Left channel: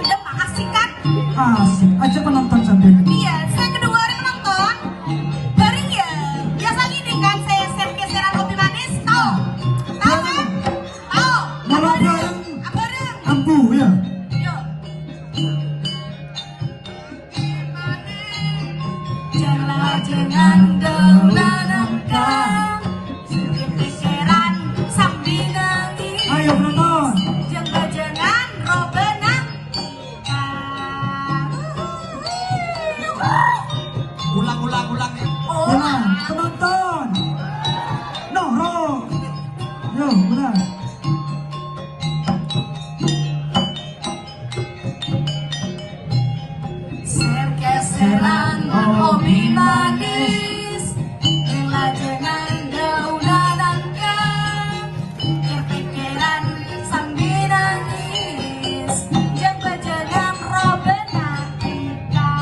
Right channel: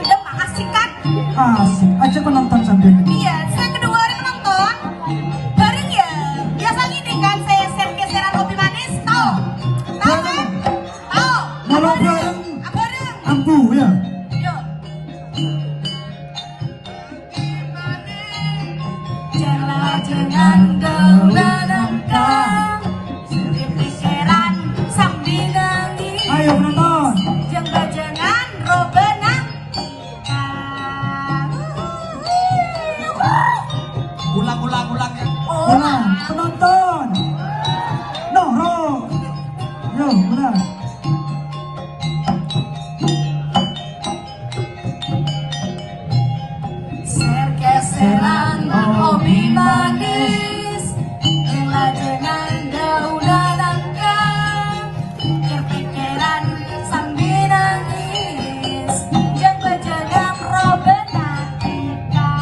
Udah Pak, asik kan? Asik, ajak penonton sampai. Iya, saya kedua hari menonton. Bareng ya. Biasa gini kan saya share-geseran kopi manis. Tahu? Tahu kan? Tahu. Malah Apa bareng Apa ada? Ambu ya. Yuk. Jangan gaula-gaula geseran sambil nangis. Ayo penonton. Jangan robenang. Ulang. Ulang, penonton. No, ho. Yuk, ulang. Geseran kopi manis, jangan gaula nangka, kepikiran sambil nangis, jangan robenang kita.